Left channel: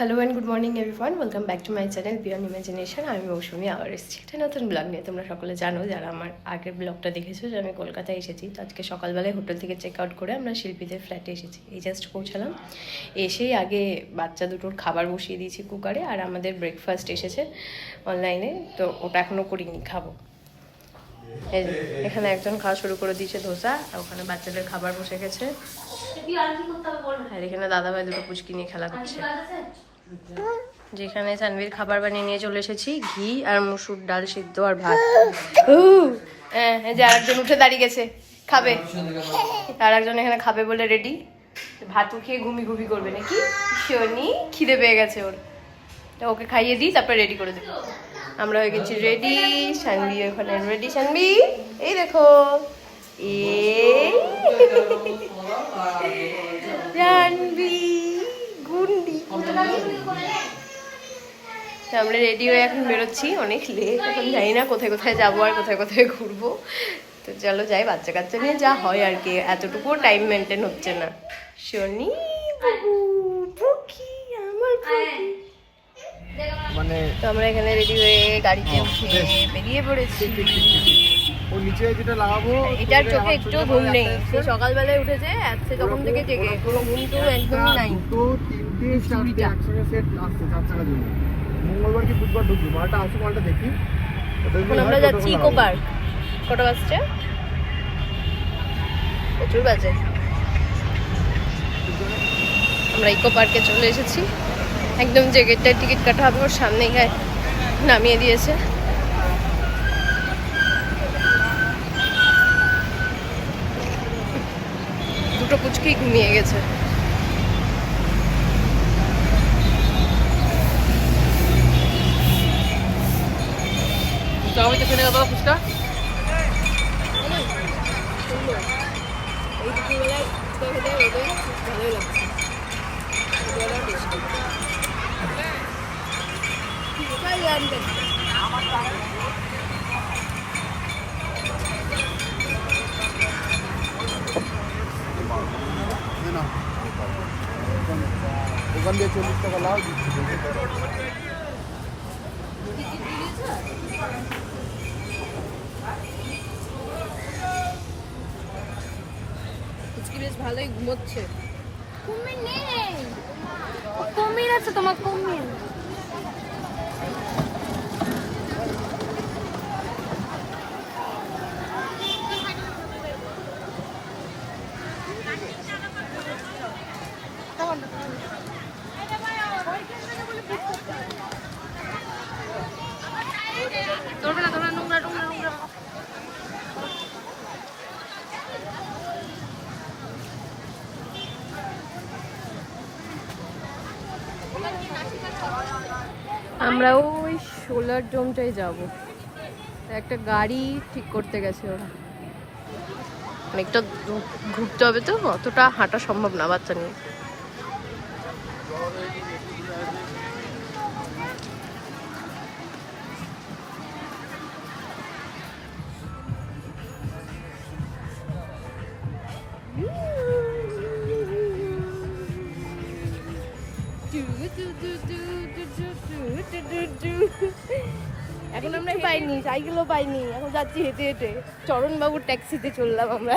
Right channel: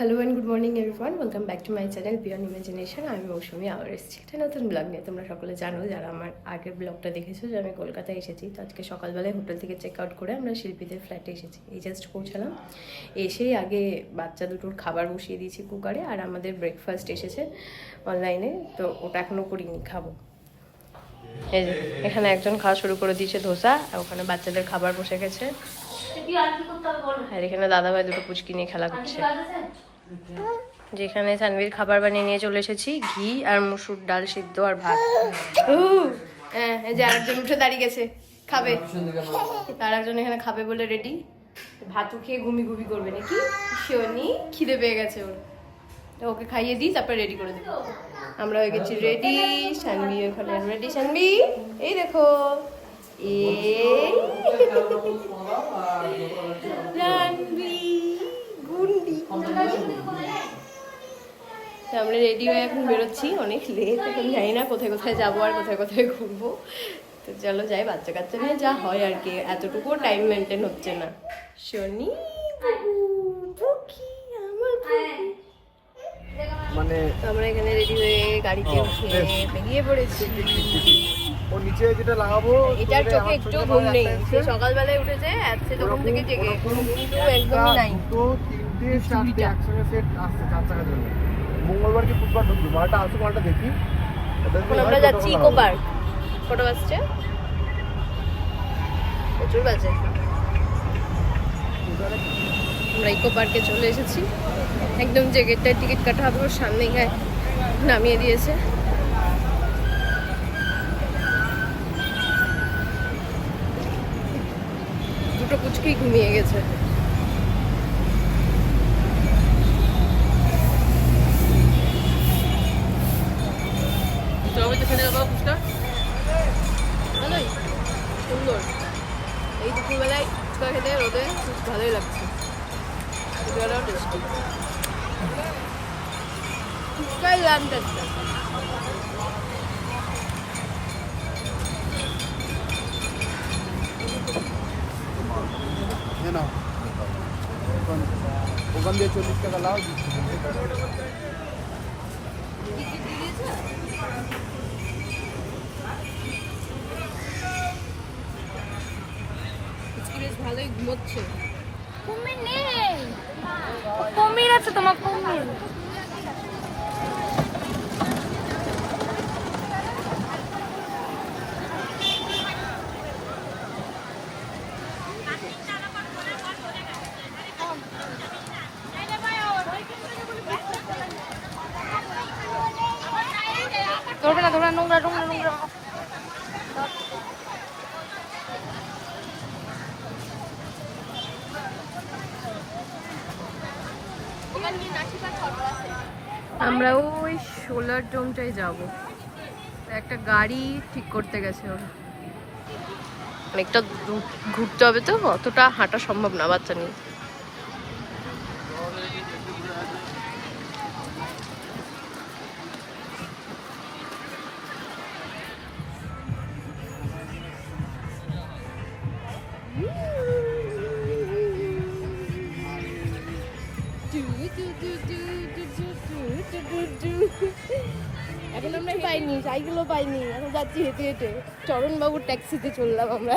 Hello and good morning everyone, welcome back to my channel beyond imagination. আমি মৌসুমি আবার এসেছি একটা নতুন ব্লগ নিয়ে। তোমরা সকলে জানো, যারা আমার আগের ব্লগটা দেখেছো, যে আমি কলকাতায় এসেছি। তো আজকে সকালবেলায় হোটেল থেকে চেক আউট করে আমরা শিল্পীদের ফ্ল্যাটে এসেছি। এই জাস্ট পৌঁছালাম। এসেই আগে বাচ্চা দুটোর খাবার বসিয়ে দিয়েছি কুকারে, আর আমাদের ব্রেকফাস্ট এসেছে অনলাইনে, তো ওটা এখনও করিনি, খাবো। এই যে এখানে একজন খাওয়া শুরু করে দিয়েছে ধোসা, আর ওখানে বাচ্চাদের খাবার বসে গেছে। আর এখানে দাদাভাই দুটো পুচকি নিয়ে খেলা করছে। যেখানে সানভীর খাবার বানিয়ে নিয়ে চলে এসেছি, ঘি আর মুসুর ডাল সিদ্ধ আর ভাত। হ্যাঁ, যে আরেকজন উঠে দাঁড়িয়ে গেছে, খাবে। আর একজন এখানে খাবে বলে রেডি। ভাতও খেয়ে ঘুমি করবে নাকি শনি, খিদে পেয়ে গেছে ওর। তো ওকে খাইয়ে দিই, তারপরে রেডি করে দেবো। আমরা হয়ে গেছি রেডি, সানভি ওখানে রেডি। সানভি এই দেখো, এই সানভি গুন্ডি। আমরা রেডি হয়ে এখন বেরোচ্ছি, অনেক লেট, এখন জানি না কোথায় কোথায় যাবো আর কোথায় কোথায় ঘুরবো। তো চলো যাই, বাচ্চা কাচ্চা নিয়ে যা হয় আর কি, এতটুকুও টাইম মেনটেন হচ্ছে না। শনি আমার তো আমরা এখানে রেডি হয়ে গাড়িতে উঠে বেরিয়ে পড়েছি। এটার চোখে একটু ঘুম নেই, সে সকালবেলায় উঠেছে, সে তখন থেকে জেগে, কোনো ঘুম তো একদমই নাই। এখন আমরা যাচ্ছি ইকো পার্ক। কটা বাজছে? প্রচুর বাজে। আমরা ইকো পার্কে চলে এসেছি। একদম যে গেটটায় টিকিট কাটা হবে ওর সামনে গায়ে নামিয়ে দিয়েছে। দুটো পুচকেই ঘুমিয়ে গেছে। সুন্দর, এই দুপুরবেলায় ফুচকা খেতে রোদে ভালোই লাগছে। ফুচকাটাও টেস্টি, ফুচকাই লাম দেখতে। ওখান দিয়ে 40 টাকা লাও। বেশ ভালোই ঘুমোচ্ছে। কুমির নেই, কুমির আছে তোমার, কুমির। ধরো না নোংরা নোংরা নোংরা। আমরা ওই সোলার ডোমটাই যাব। একটা গাড়ি ঠিক করতে গেছে ওরা, অনেকটা ঘুরতে হবে, তো অতটা হাঁটা সম্ভব না বাচ্চা নিয়ে। এখন আমরা পাইনি, সাইকেলও পাইনি, এখন যাচ্ছি হেঁটে হেঁটে। চরণবাবুর ট্যাক্সিতে চললাম আমরা।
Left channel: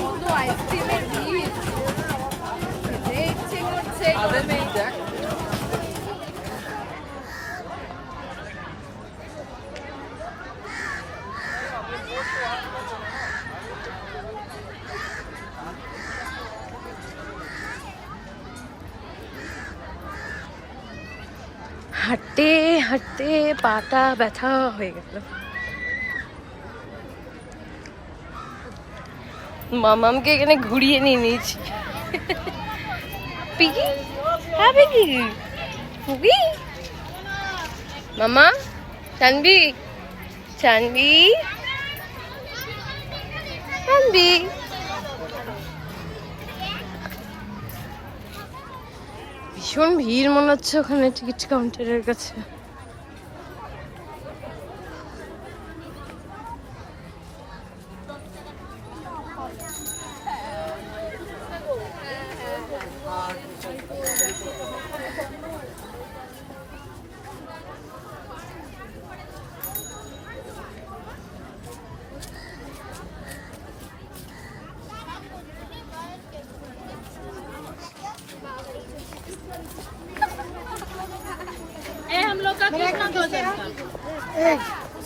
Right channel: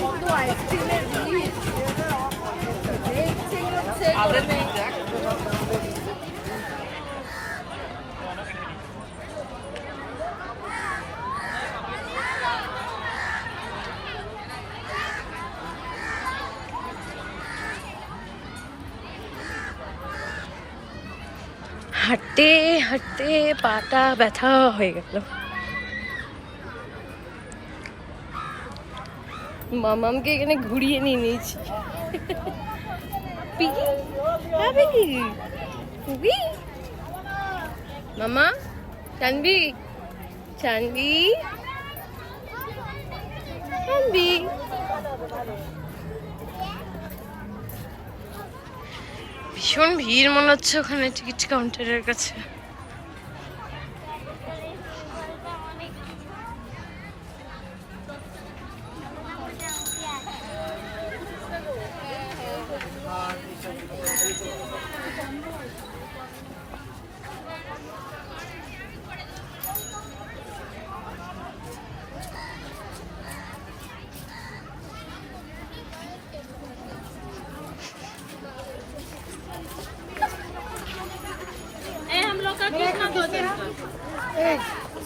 কত আইসক্রিমের ভিড়, দেখছে করছে গরমে। হাঁটতে হাঁটতে পাটা ব্যথা হয়ে গেল। মামামকে এখানে ঘুরিয়ে নিয়ে নিয়েছি। পিকি, হ্যাঁ পিকি, পুকি, মামা, সানভি, সানভি, সানভি। ভীষণ ভিড় মনে হচ্ছে ওখানে টিকিট কাউন্টারের কাছে।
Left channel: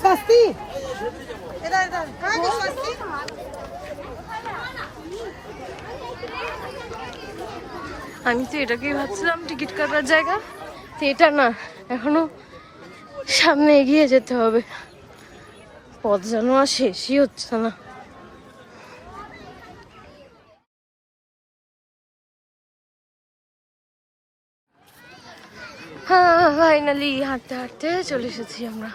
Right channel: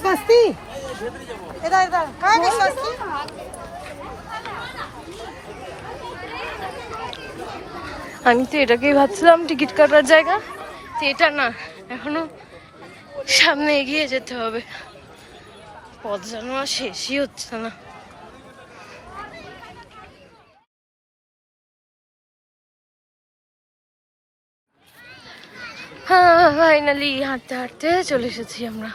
सस्ती इधर इधर कहाँ की सस्ती আমি তো এটাকেই ভাবছিলাম টিকিট কাটার জায়গা, তো এটা না, এখনো সামনে এগিয়ে যেতে হবে। পথ যেন আর শেষই হচ্ছে না। হ্যাঁ, ফাইনালি হাঁটতে হাঁটতে চলে এসেছি আমরা।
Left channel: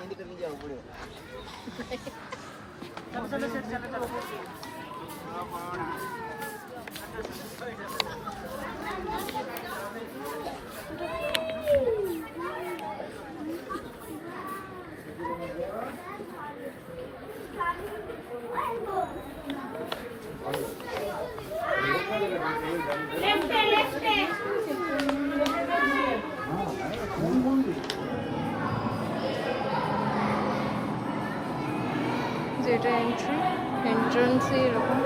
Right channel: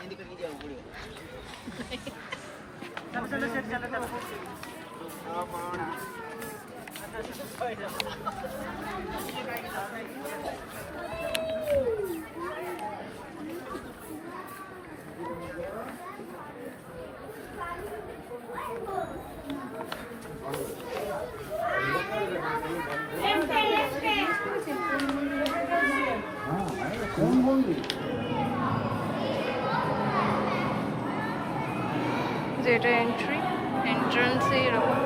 যেটা এন্ট্রান্সে এরকম।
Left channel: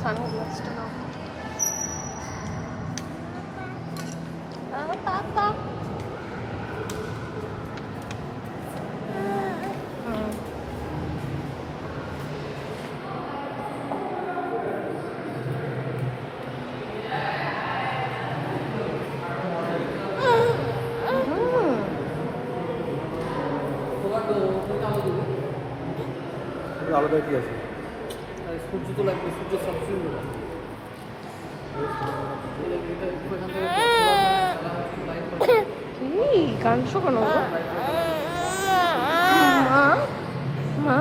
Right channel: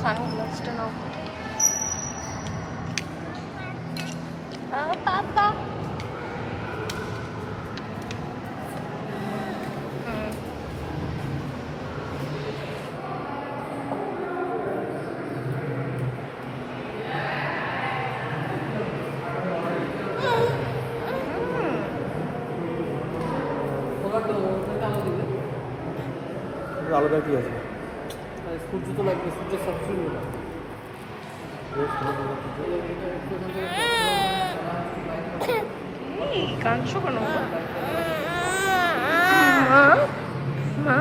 সানগ্লাসটা নাও। পাপা আলাদা কি আছে? সূর্য তো লাগবে, সূর্য সবসময় কি কাঁদছো কেন গো? মা মা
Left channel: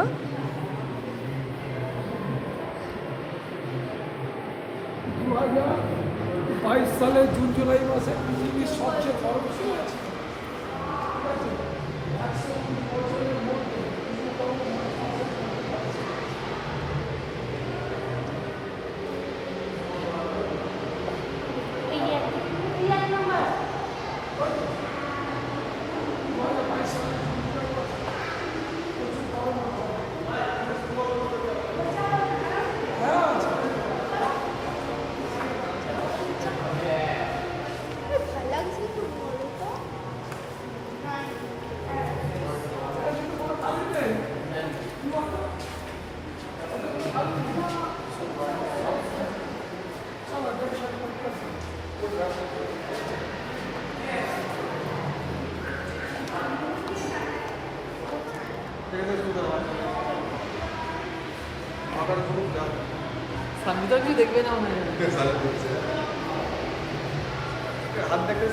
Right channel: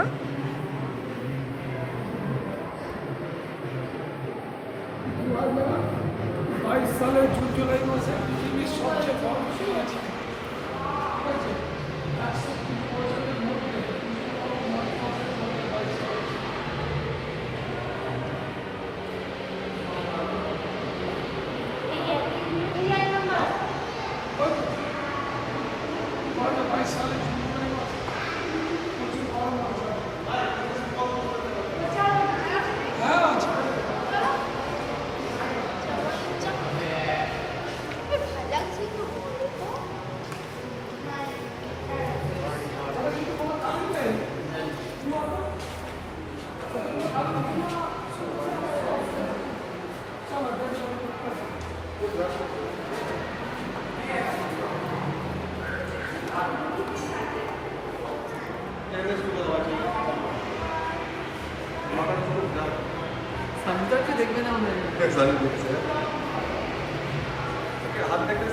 সালে জুন জুলাই মাসে পৃথিবীর সবচেয়ে বড় দেখবে না হাত দেখে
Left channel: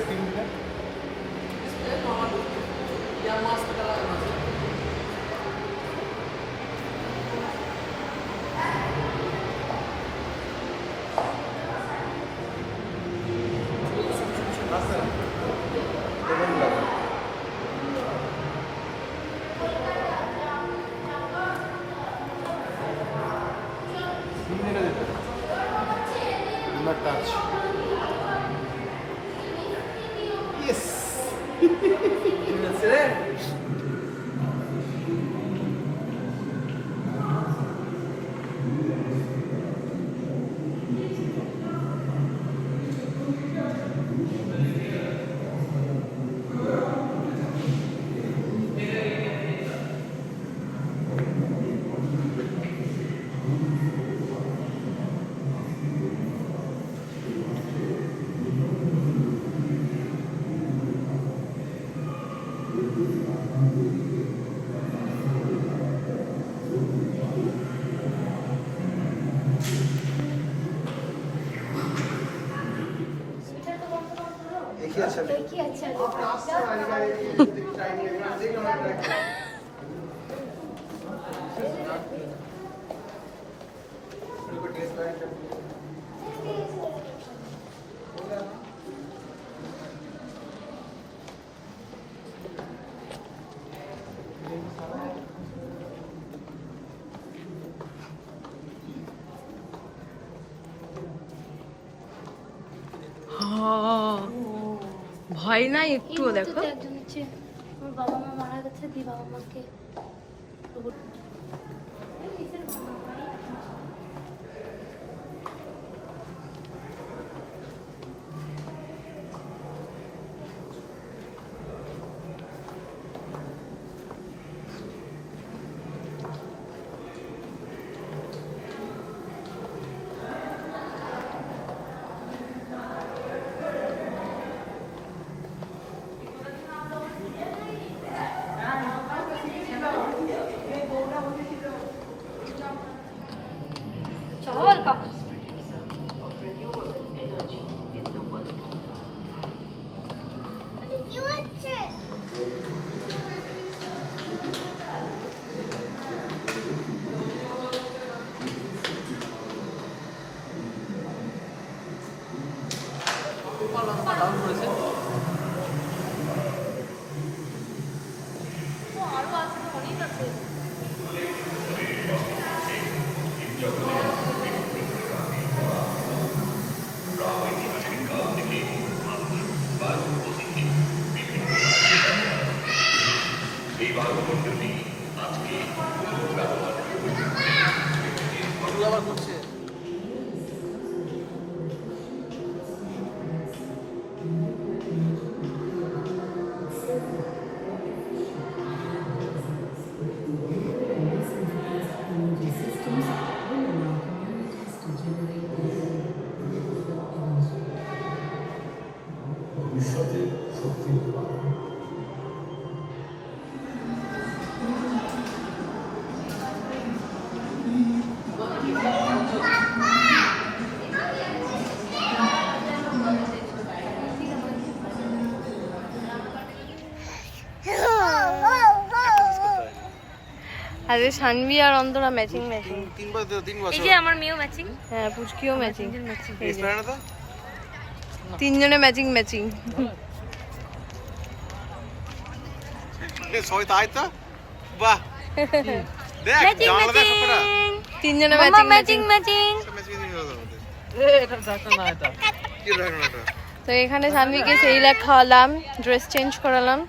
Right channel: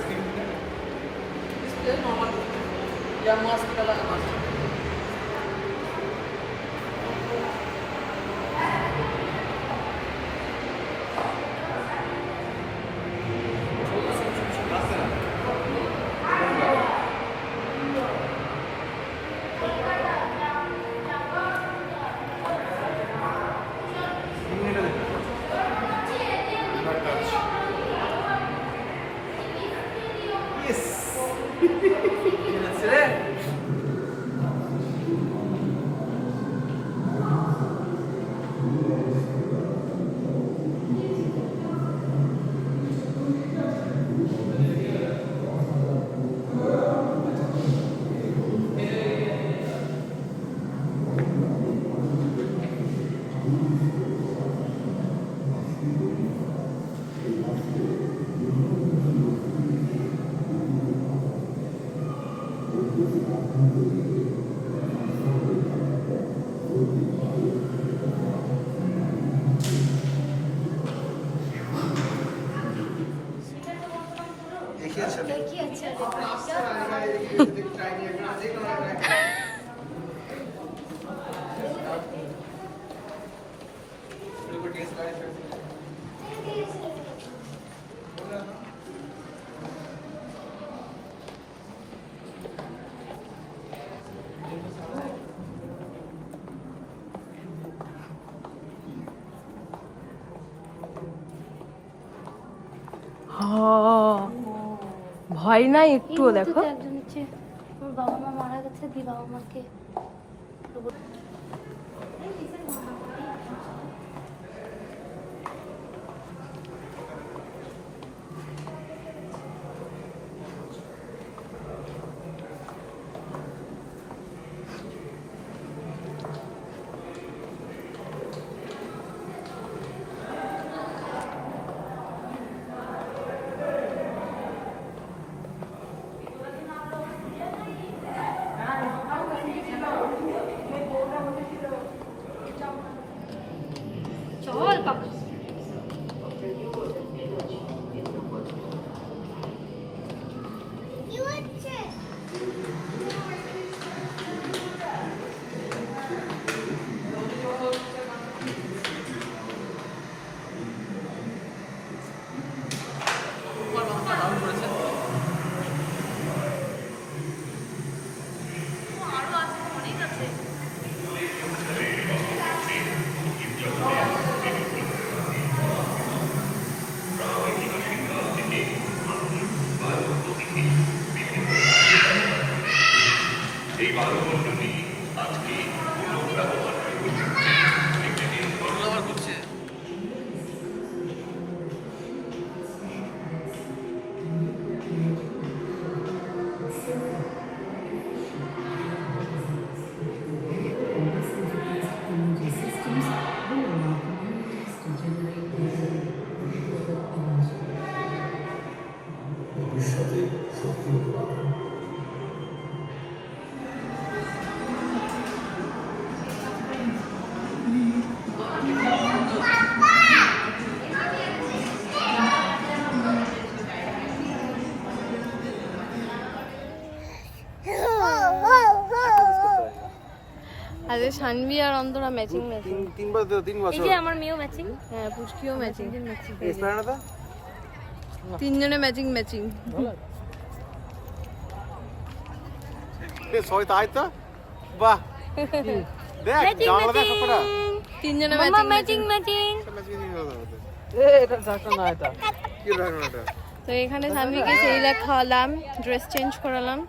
ভয় নাই একটুও দেখো। একজন হচ্ছে আমার বাবা মা মারা গেছে, দি বাবা মাকে চল বাবা। আবার করছে। আরে সানভি আর অন্তরা ম্যাচিং ম্যাচিং। 3 বছর। এই যে আমার মেয়েও ম্যাচিং, হ্যাঁ পুচকিও ম্যাচিং। ম্যাচিং। এসপারে তো? তিনজনে ম্যাচিং ম্যাচিং। সবাই তাই তো? বাহ। দেখ ম্যাচিং জানলা দেখ ম্যাচিং। সবটা। তিনজনে মামা ম্যাচিং ম্যাচিং ম্যাচিং। ম্যাচিং হলো আমাদের। এটা ঝাঁকা না এটা। কি রাখনো এটা? তো এখানে সানভিকে সেইলাক খাওয়ালাম, ড্রেস চেঞ্জ করালাম,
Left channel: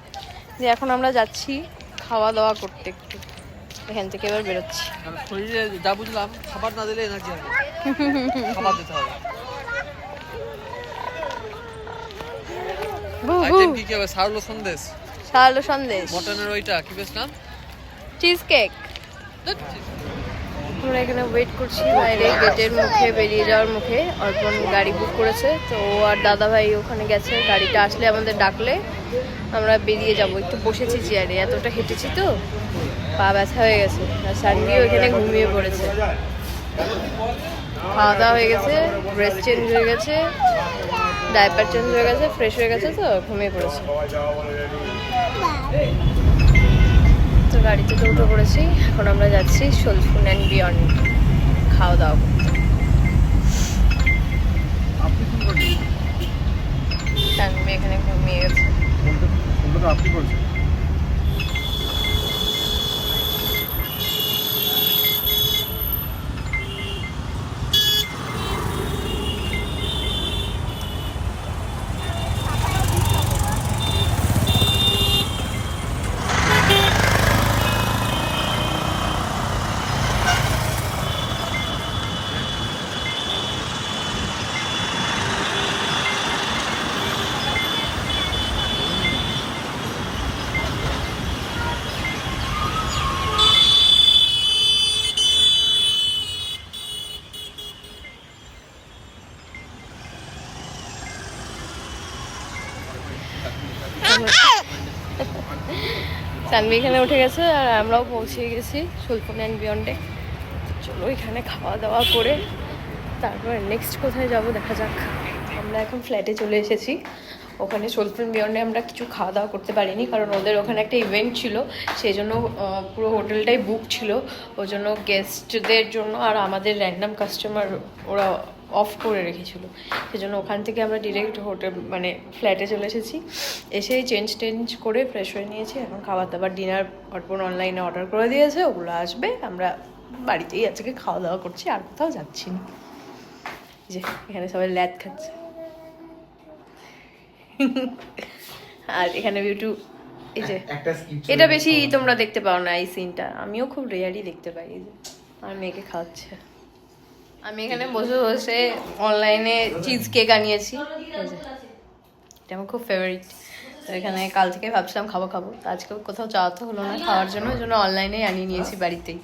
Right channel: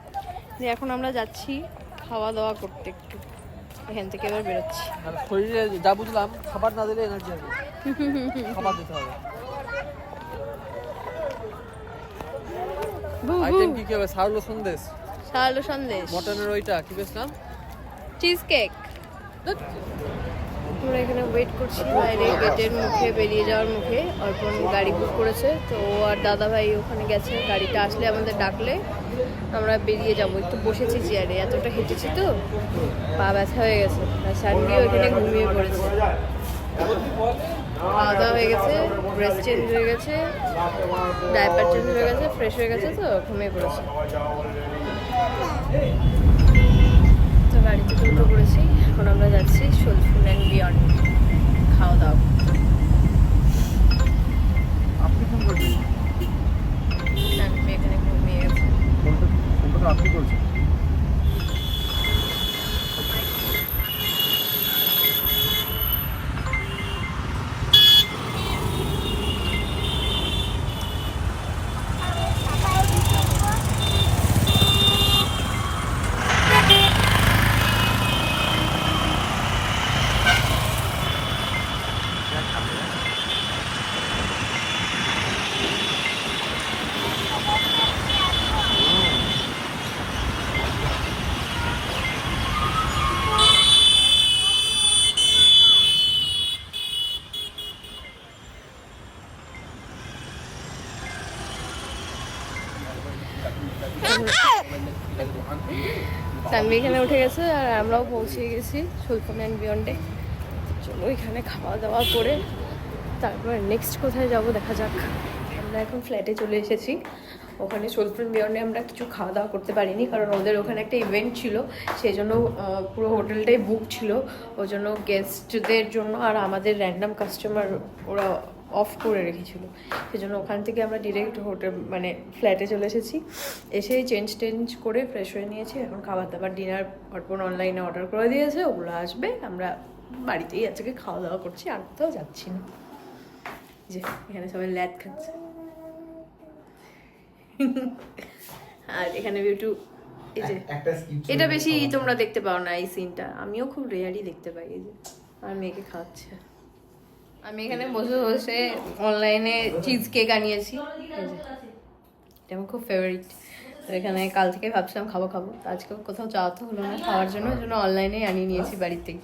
যে এখন আমরা যাচ্ছি খাওয়া দাওয়া করতে একটু। এখান থেকে এবার বেরোচ্ছি। শরীরে যা বুঝলাম খাবার না দিলে এনার্জি হবে। খাবার দিতে হবে। আইটেম কি কি হবে? সারলো সন্দেশ, সারালো সন্দেশ, মটনের ওইটা কি বেশ নাম? Cheese cake. আমরা এখানে ওয়েট করছি বাইরে গেটের মুখে, বেরিয়ে যাওয়ার মুখে। অর্পণ গাড়ি বুক করেছে, তো ও আর দাদা ভাই ওখানে গেছে। গাড়িটা আসলে আমাদের ডাকলে আমরা বেরিয়ে যাব। একটু বসেছি চেয়ারে, এতটা হেঁটেছি তো পা ব্যথা হয়ে গেছে। আর সানভিও এখানে ঘুমিয়ে পড়েছে। খাওয়া দাওয়া হয়ে গেছে, ড্রেস চেঞ্জ হয়ে গেছে, ডাইপার চেঞ্জ হয়ে গেছে, ফ্রেশ হয়ে গেছে, তো ঘুমিয়ে পড়েছে। তো গাড়িতে তো উঠে পড়েছি, এখন আমরা যাচ্ছি সোলফুন অ্যান্ড বিয়ন্ড খাওয়া দাওয়া করতে। সানভি এখানে ঘুমিয়ে গেছে। সানভি এখানে উঠে গেছে আর আমরাও পৌঁছে গেছি সোলফুন অ্যান্ড বিয়ন্ডে। চলো এখানে খাওয়া দাওয়া করে তারপর নেক্সট কোথায় যাব দেখা যাক। আমরা এখন ফ্ল্যাটে চলে এসেছি। ওখানে সোলফুন বিয়ন্ডে আমরা কিছু খাওয়া দাওয়া করতে পারিনি, কারণ ওদের ওখানে একটা ইভেন্ট ছিল, সেই জন্য পুরো হোটেলটাই বুক ছিল। ওই জন্য গেস্টদের জন্য আর আমাদের র্যান্ডাম কাস্টমার ওরা অফ করে রেখেছিল, সেজন্য ওখান থেকে আমরা ডিরেক্ট হোটেল মানে ফ্ল্যাটে চলে এসেছি। এসেই চেঞ্জ করে ফ্রেশ হয়ে নিয়েছি। এখন খাবার দাবার ডিনার অর্পণ অনলাইনে অর্ডার করে দিয়েছে, ওগুলো আসবে। আমরা বাড়িতেই আজকে খাওয়া দাওয়া করছি, আর কোথাও যাচ্ছি না। যে এখানে সবাই ল্যাদ খাচ্ছে। আর এখানে বিউটু এই যে একটা skip এটা বেশি তোমরা দেখতে পাও না এই সিনটা, আমিও খুব রেয়ারই দেখতে পাই। এই যে আর মেয়েকে খাওয়াচ্ছে, আমি এখানে বসে বসে অনলাইনে চিজ কেক আনিয়েছি, এই যে এটা আমার খুব ফেভারিট। তো এখানে কাল থেকে ভাবছিলাম খাবো খাবো, তো আজকে কোথাও যাওয়া তো হলো না খাওয়ার জন্য, ওই জন্য অনলাইনেই আনিয়ে নিয়েছি বাড়িতেই।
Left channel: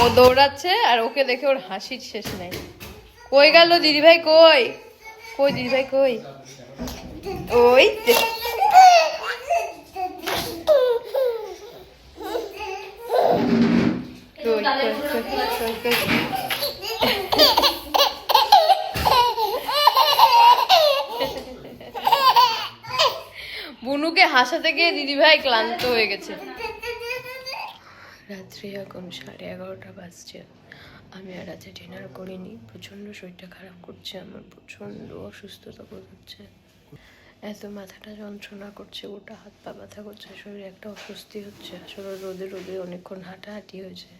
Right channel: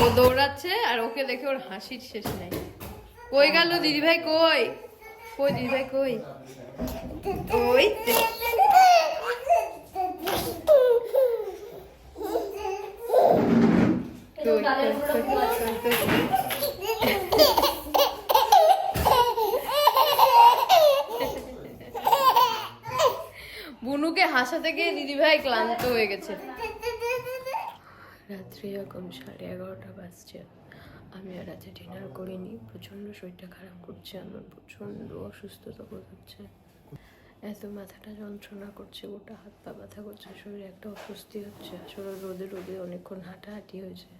ও দৌড়াচ্ছে আর ওকে দেখে ওর হাসির শেষ নাই। কই গেল দিদিভাই, কই কই দিদিভাই কই? ওই যে। কই কই কই কই কই? বুনুকে হাসাতে গিয়ে দিদিভাই ক্লান্ত হয়ে গেছে। রাত্রি এখন 11:30 বাজছে, আমি আর রাতে ডিনার করিনি, প্রচণ্ড শরীরটা খারাপ করছে আমার, প্রচণ্ড অসুস্থতা বোধ হচ্ছে, এত মাথাটা যন্ত্রণা করছে, গোটা হাত পা ব্যথা করছে, শরীরে একটা অস্বস্তি হচ্ছে। আসলে রোদে রোদে অনেকক্ষণ হাঁটাহাঁটি হয়েছে,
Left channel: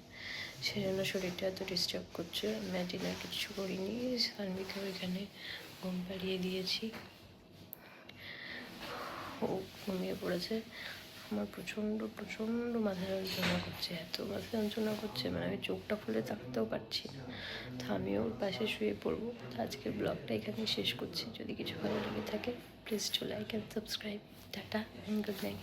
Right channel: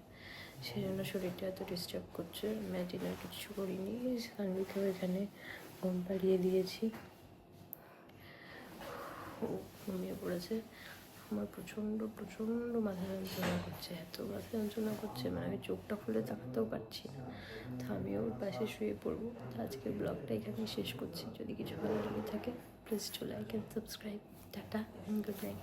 সেজন্য শরীরটা এত ডিস্টার্ব করছে। আমি ডিনার কিছু করিনি, সানভিকে ওইখানে ঘুম পাড়িয়ে দিয়েছি, ও ঘুমিয়ে পড়েছে। আমার প্রচণ্ড প্রচণ্ড মাথা যন্ত্রণা করছে, এত মাথা যন্ত্রণা করছে মানে আমি চোখটা খুলে তাকাতেও পারছি না। তো আমিও ওর পাশে শুয়ে পড়বো। তো আজকের ব্লগটা এখানেই শেষ করছি। যদি কিছু ভালো লেগে থাকে please to like and subscribe. Tata and good night.